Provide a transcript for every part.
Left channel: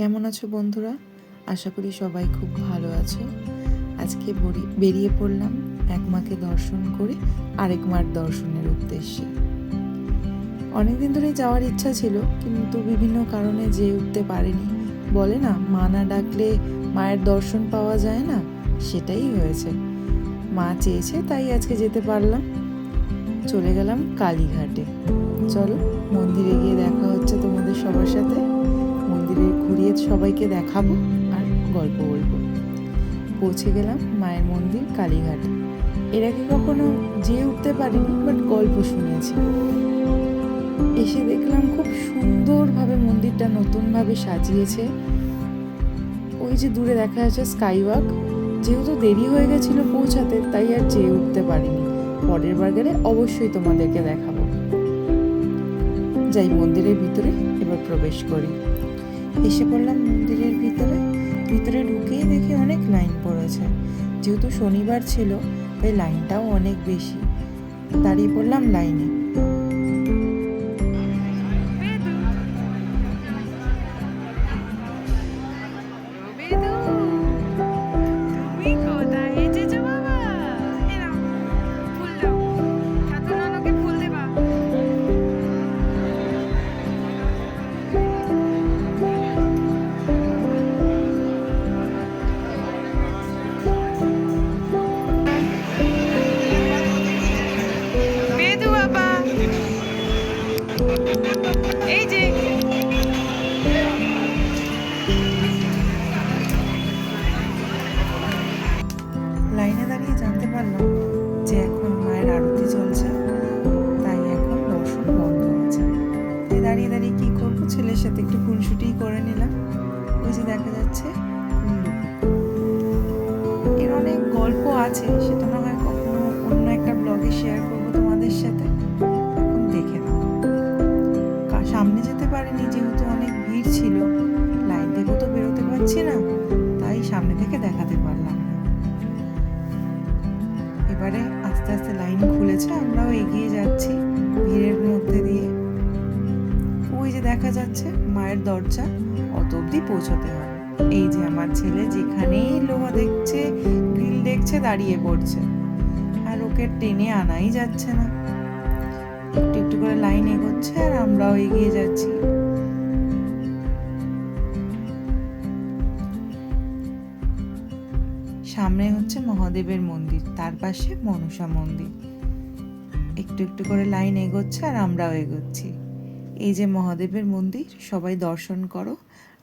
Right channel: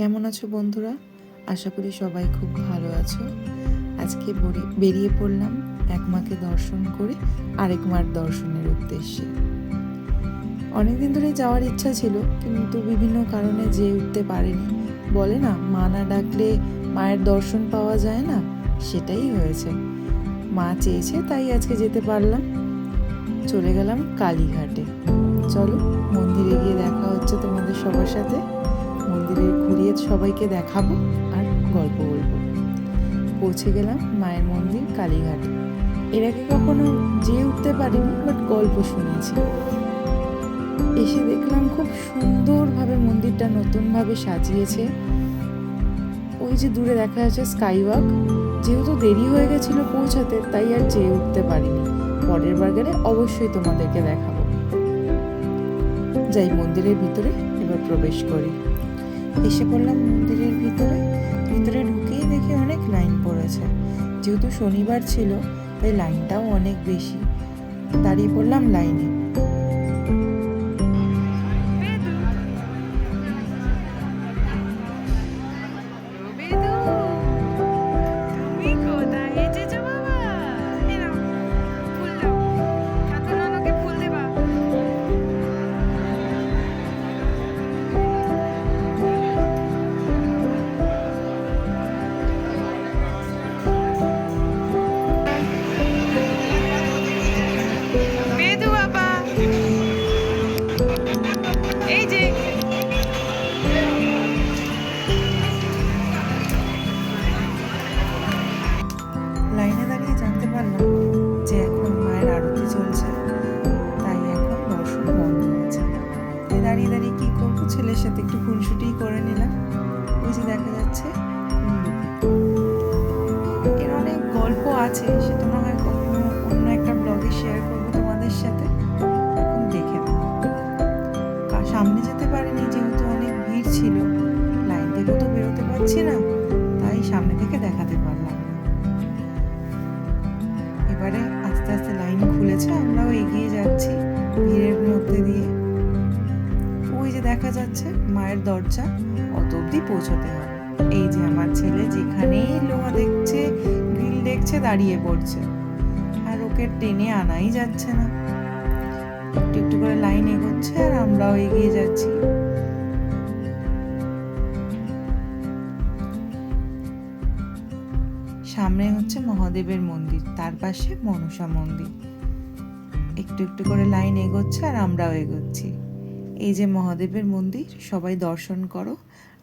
কেমন আছো বন্ধুরা? আশা করি সবাই খুব ভালো আছো। আজকে বেরিয়ে পড়লাম এক মাকে দর্শন করে আরেক মার দর্শনের উদ্দেশ্যে। অনেকদিন ধরে যাওয়ার ইচ্ছা ছিল, কিন্তু বিভিন্ন কারণে যেয়ে উঠতে পারিনি। বলে না, মা না ডাকলে মায়ের দর্শন পাওয়া যায় না, সেটাই হয়েছে। মা চেয়েছে তাই আজকে যেতে পারলাম। চলে গেলাম কালীঘাটে। চলো মন্দিরে গিয়ে দেখা হচ্ছে তোমাদের সবার সাথে। মন্দিরে ঘুরিয়ে সবাইকে দেখাবো আর গল্প বলবো। পৌঁছে গেলাম মায়ের মন্দির কালীঘাট। এর আগে কখনো যেয়ে উঠতে পারিনি, বাট গল্প শুনেছি। এসে দেখলাম খুব সুন্দরভাবে মন্দিরটা নতুনভাবে সাজিয়েছে। ওই যে দূরে দেখা যাচ্ছে স্কাইওয়াক। যেহেতু দেরি হয়ে গেছিল পৌঁছাতে, তাই আর যেয়ে উঠতে পারিনি। পরের বার গেলে অবশ্যই তোমাদেরকে দেখাবো। যাই মন্দিরের ভিতরে এবার প্রবেশ করি। এসে পড়লাম মন্দিরের ভিতরে ঢুকেই দেখি অনেক লাইন পড়েছে। যেহেতু শনিবার ছিল তাই লাইনটাও অনেক বেশি। দাঁড়িয়ে পড়লাম লাইনে। এই যে লাইনে দাঁড়িয়ে জানতে পারলাম যে এখন মায়ের আরতি চলছে, তাই এখন দর্শন বন্ধ আছে। তাই দাঁড়িয়ে দাঁড়িয়ে কি করবো, ছেলের সাথে একটু খুনসুটি করে নিলাম। ওই যে দেখা যাচ্ছে কুল্লু। এর অনেক গল্প আছে, সেটা না হয় কখনো অন্য একটা ব্লগে শেয়ার করবো তোমাদের সাথে। এখন দেখে নাও। সামনে যেতে পারিনি যেহেতু অনেক ভিড় ছিল। লাইন থেকেও তো বেরোতে পারছি না, তাই সামনে থেকে দেখাতে পারলাম না। এবারে আস্তে আস্তে লাইন খুলেছে, আমরাও এগিয়ে যাচ্ছি ভিড়ের মধ্যে দিয়ে। ওই যে দেখা যাচ্ছে মায়ের দরজা, অত অব্দি পৌঁছতে হবে। এই যে আমার ছেলে যেখানেই লোহা দেখছে, গ্রিল দেখছে, দাঁড়িয়ে পড়ছে, আর ওকে টেনে আনাই যাচ্ছে না। একটু একটু করে লাইন এগোচ্ছে আর আমরাও এগিয়ে যাচ্ছি। সামনে হচ্ছে মহাদেবের মন্দির, তার পাশে মনসা মন্দির। একটু একটু করে লাইন এগোচ্ছে আর আমরাও এগোচ্ছি। এই যে মহাদেবের মন্দির, সবাই দর্শন করো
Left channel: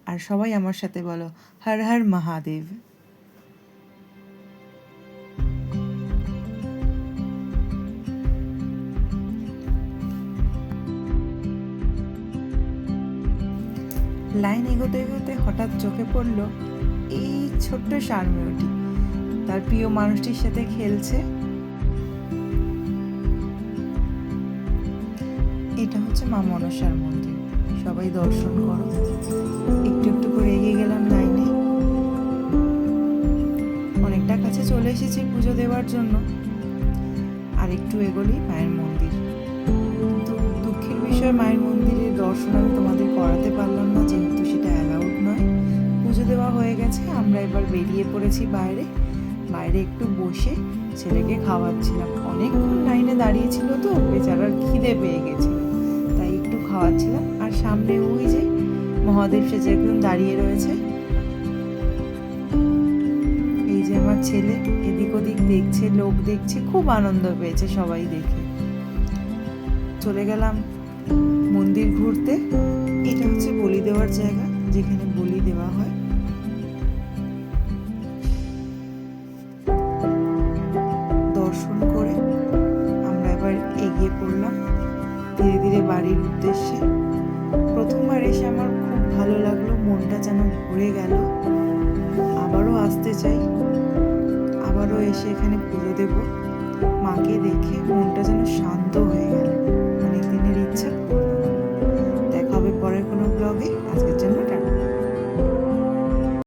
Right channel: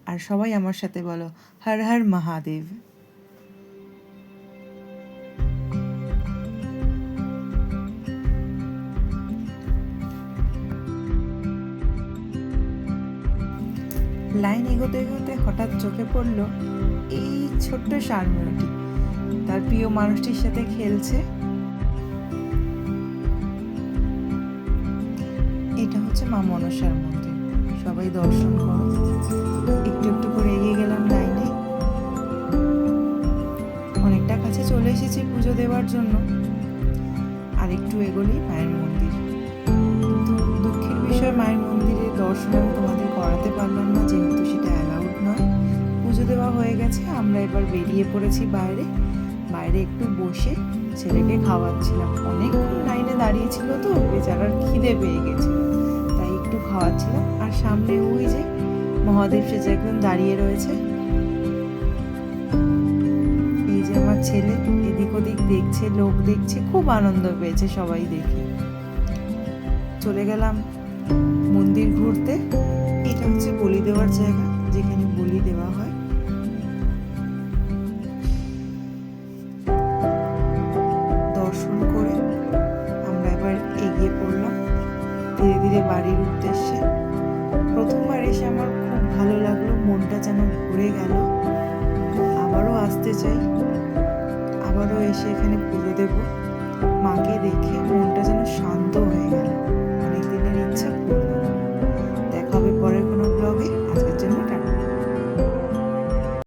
আর সবাই আমার সাথে বলো হর হর মহাদেব। লাইন এগোতে এগোতে হঠাৎ চোখে পড়লো এই ছোট্ট সারমেয়টি তার প্রিয় মানুষটির সাথে খেলছে। এটা হচ্ছে মা মনসার মন্দির, সবাই দর্শন করো। একটু একটু করে এগিয়ে গেলাম লাইনে। অনেকটা কাছে চলে এসেছি পুজো দেওয়ার জন্য। আর একটু এগোলেই মায়ের মন্দির। কিন্তু দুঃখের বিষয়, মায়ের মন্দিরে দর্শন আমি তোমাদের করাতে পারলাম না, যেহেতু সেটা অ্যালাউড নয়। পুজো দেওয়া হয়ে গেছে, আমরা এবার বেরিয়ে পড়েছি বাইরে। বাইরে একটু বসে ছেলেকে খাওয়াচ্ছিলাম। অনেকক্ষণ লাইনে দাঁড়িয়েছিল তো, বেচারার খিদে পেয়ে গেছিল, তাই একটু খাওয়াচ্ছিলাম। আর সামনে ওই যে মহাদেব সেজে একজন দাঁড়িয়ে রয়েছে। এই যে আমার ছেলে এদিক ওদিক দেখছে, লোক দেখছে, খুব আনন্দ পেয়েছে সবাই দেখে। চলে গেলাম মন্দির ঘুরতে। এটা হচ্ছে বলি দেওয়ার জায়গা, যেখানে বলি দেওয়া হয়। দর্শন করে আমরা এবার এগিয়ে পড়লাম ধীরে ধীরে বাড়ির উদ্দেশ্যে। প্রথমবার এসে আমার খুব ভালো লাগলো, মনটা যেন ভরে গেল। আবারও আসতে চাই, আবারও এসে এখানে পুজো দেব। মাকে দেখে মনটা যেন শান্ত হয়ে গেল, অনেক দিনের ইচ্ছা পূর্ণ হলো। দেখা হবে পরের কোনো ব্লগে। আজকের জন্য টাটা।